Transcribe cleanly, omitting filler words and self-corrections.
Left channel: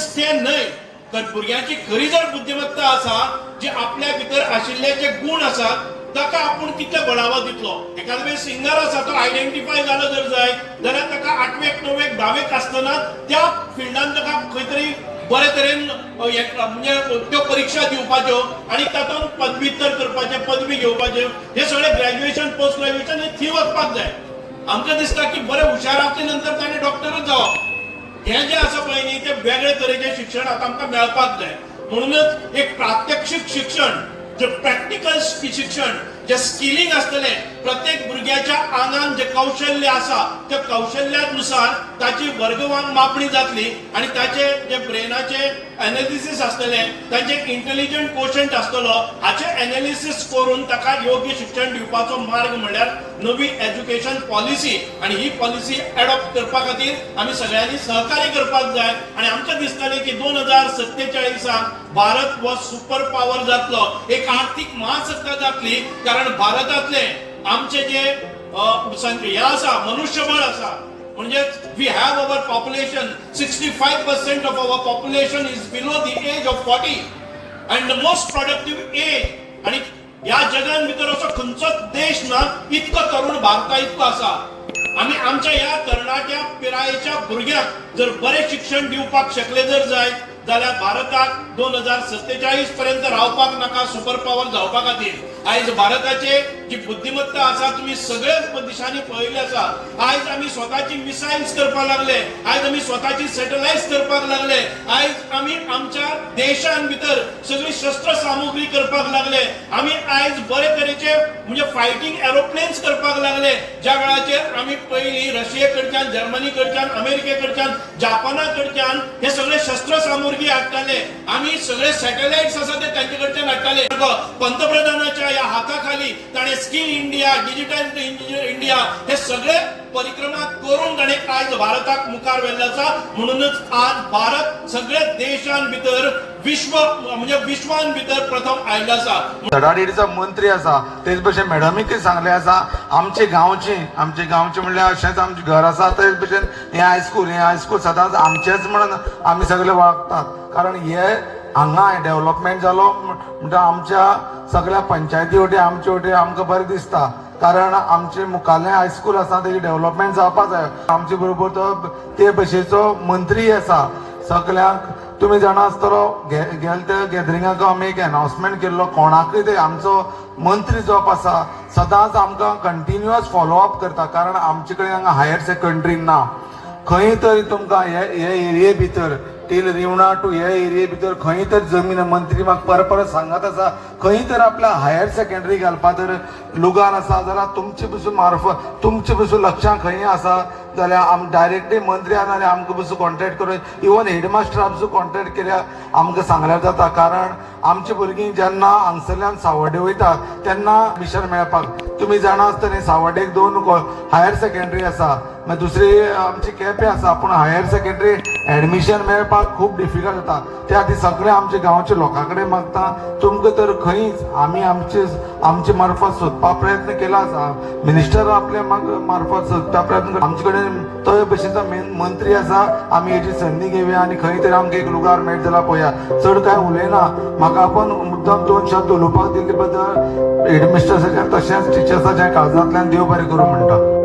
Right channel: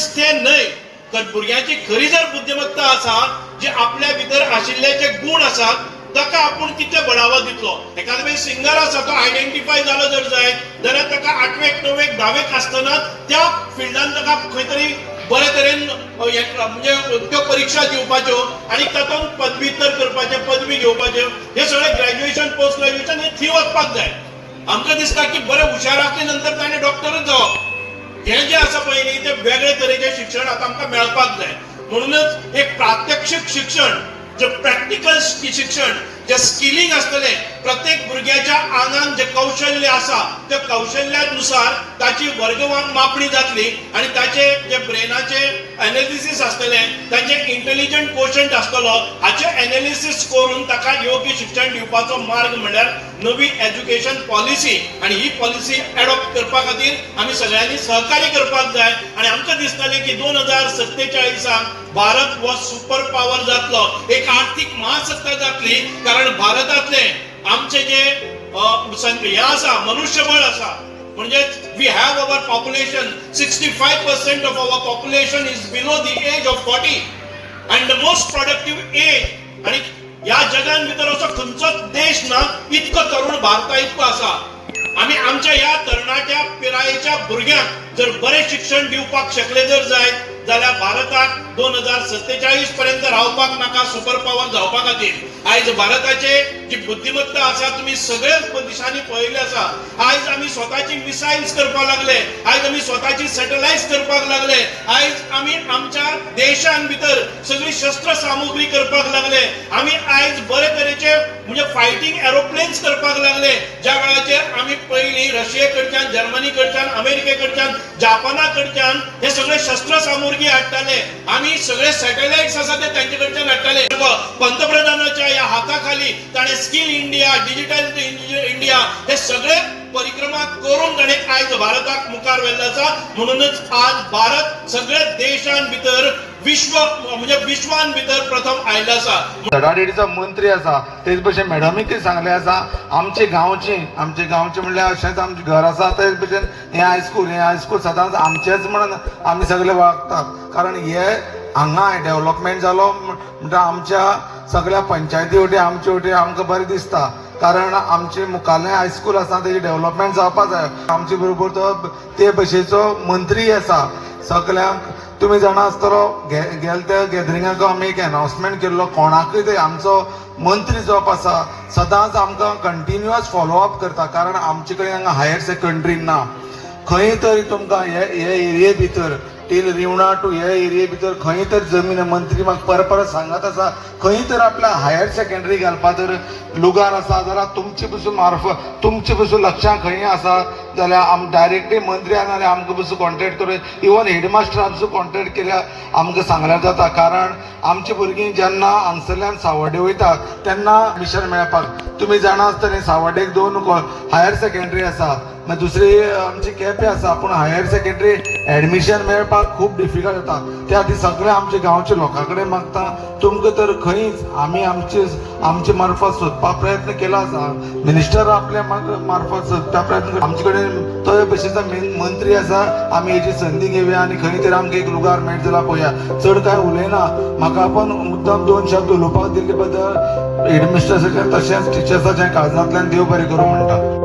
Intelligence ते न्हय तर भुरग्यांची खरी जर बुद्धिमत्ता आसा जे आपल्या भितर आशिल्ले जे गुण आसात ताका आपण कितले बढावो दितलो. एखादो वेळ सिंगर आसा तो आयडेंटिफाय जालो जर जायत जाल्यार ताका 8वेक 9वेक 10वेक आसतना त्या फिल्डान ताका खंय तरी बरे तरेन म्हणजे त्यो परीक्षा दिवपाच्यो आणि तातूंत पदव्युत्तर करपाचे पदवी घेवपाच्यो हे सगळे ग्रॅज्युएशन पोस्ट ग्रॅज्युएशन हे थी वचपाक जाय. आमकां दिसता की बरे हुशार आसले नंतर ताणें डॉक्टरच जावप हे जे आसा पळय न्ही ते वेगळे तरेचे शिक्षण आतां आमकां मेळपाक जाय. म्हणूनच एक प्रात्यक्षिक शिक्षण जे प्रॅक्टिकल शिक्षण जे स्किलिंग असतले प्रत्येक भुरग्याच्या आंगान जे कौशल्य आसा त्या कौशल्यानुसार ताची वर्गवान मापणी जातली आणि ताचे जे ब्रेनाचे एनालिसिस असतले तांचे इंटेलिजंट कोशंट आसतलो हाचे एनालिसिस करून ताका योग्य शिक्षण दिवपाचो मार्ग म्हणल्यार नवी एज्युकेशन पॉलिसी आणि ही पॉलिसी एडॉप्ट करपा खातीर आमी सगळ्यांनी सहकार्य करपाक जाय. आणि आमकां दिसतालें की 2047 भारत हो सुपर पॉवर जातलो एक आर्थिक महासत्ता जातली कारण भारतातले आमचे जे हे आसा मनुष्यबळ आसा म्हणजे we have our population 65% of our population is below the age of 40 and the most productive age. आणि या जगान भितर असो खंयचोच देश ना इतको तरुण भारता इतको आसा. आमी आमच्या ह्या तरणाट्या पिरायेच्या भुरग्यांक जर बरे शिक्षण दिवपाक शकले जर जायत जाल्यार भारताक 2047 पर्यंत रावपाक नाका सुपर पॉवर जावपा खातीर. आयज भारताचे जी बुद्धिमत्ता आसा तुम्ही सगळ्याच दिशांनी पळयले आसा. आयज आमी स्वताची मिसाइल्स करपाक लागले, आयज आमी स्वताची सॅटेलाइट्स करपाक लागले, आयज आमी आमच्या देशान भितर सगळी शस्त्र सामुग्री करपाक लागले, आमी आयज बरे तरेचे म्हणजे फायटिंग एरोप्लेन्स करपाक लागले ज्या वेळाचेर आमी पयलीं रशिये कडच्यान जर्मनी कडच्यान अमेरिके कडच्यान जापाना कडच्यान हे सगळे शस्त्र सामुग्री हाडटाले. आमी सगळे सॅटेलाइट्स आसा ते तांचे कडच्यान हाडटाले. पंतप्रधानाच्या या हाताखाली ताणे स्किल इंडिया डिजिटल इंडिया हे सगळे परिक्रमा करून ताणे आयज भारताक मुखार व्हेल्लो आसा. म्हणूनच आज भारत सगळे देशां भितर विश्व म्हणजे विश्वान भितर प्रथम आयला आसा. धडाडीचा मंत्री आसा तेच भशेन मॅडमीकय सांगले आसा आमचे गांवचे म्हणल्यार अशेंच आमचे घर आसा तेच भशेन हे हायस्कूल सदांच आमचेच म्हणून आमी सगळे वागतात. कारण हे हांगा डेव्हलपमेंट जालो म्हणजे आमच्या सगळ्या पंचायती वटी आमचे वटी आमकां बरें दिसता. कारण आमचे मुखाल्लें हायस्कूल आसा तेजी डेव्हलपमेंट जावपाक जाय. आमचे बरोबर तो ते भशेचो मंत्री आसा. सगळ्यांक तुम्ही जाणा आसतलो गेल्या त्या गॅदरिंगाक आमी एक अनाउन्समेंट केल्लो कोणाकय ते आमचो मंत्री जो आसा सदांच आमकां कंटिन्युअस फॉलोअप करता. कारण आमचे कडेन हांगा हायर सेकंडरी ना. खंय तरी तुमकां हे एरिये भितर टील रिवणा टू हे एरिये भितर खंय तर जमीन मंत्री म्हाका परत सांगत आसा खंय तर आपल्या हायर सेकंडरी घालपा तर लुगार आसा जाल्यार तुमचे पसून मार्फत तुमचे पसून लक्षां खंय आसा जाल्यार आम डायरेक्टली मंत्री नाल्यार आमकां पसून कॉन्टेक्ट करून इवन हेडमास्टर पसून कॉन्टेक्ट केल्यार आमकां सांगल्यार जाता. कारण आमची भुरगीं जेन्ना हांगसरल्यान सावड्डे वयता तेन्ना मिशन मेळपाक तुमी जाणा आसतलें सावड्डेक 2 हायर सेकंडरी आसा मागीर दुसरी आमची केपें आसा पूण हायर सेकंडरी एडमिशन मेळपाक खूब डिफिकल्ट जाता. त्या खातीर सगळे आमचे गांवचे लोकां कडेन मागता तुमकां तर खंयच आमी आमचे मार्फत सोदपा प्रयत्न केलो आसा. मिनिस्टर आपल्या मार्फत सोदपा प्रयत्न आमचे कडेन तो भशेचो मंत्री आसा. आमी हेची संदी घेवया आनी खंय तरी आमकां एक लुगार मेळट जाल्यार पळोवया. चड कांय उलयना म्हाका पण मुद्दाम 2 शब्द उलोवपाक दिल्ले बद्दल हेडमिस्ट्रेसाच्या तशेंच टिचर्साच्या काळजांतल्यान देव बरें करूं म्हणटा.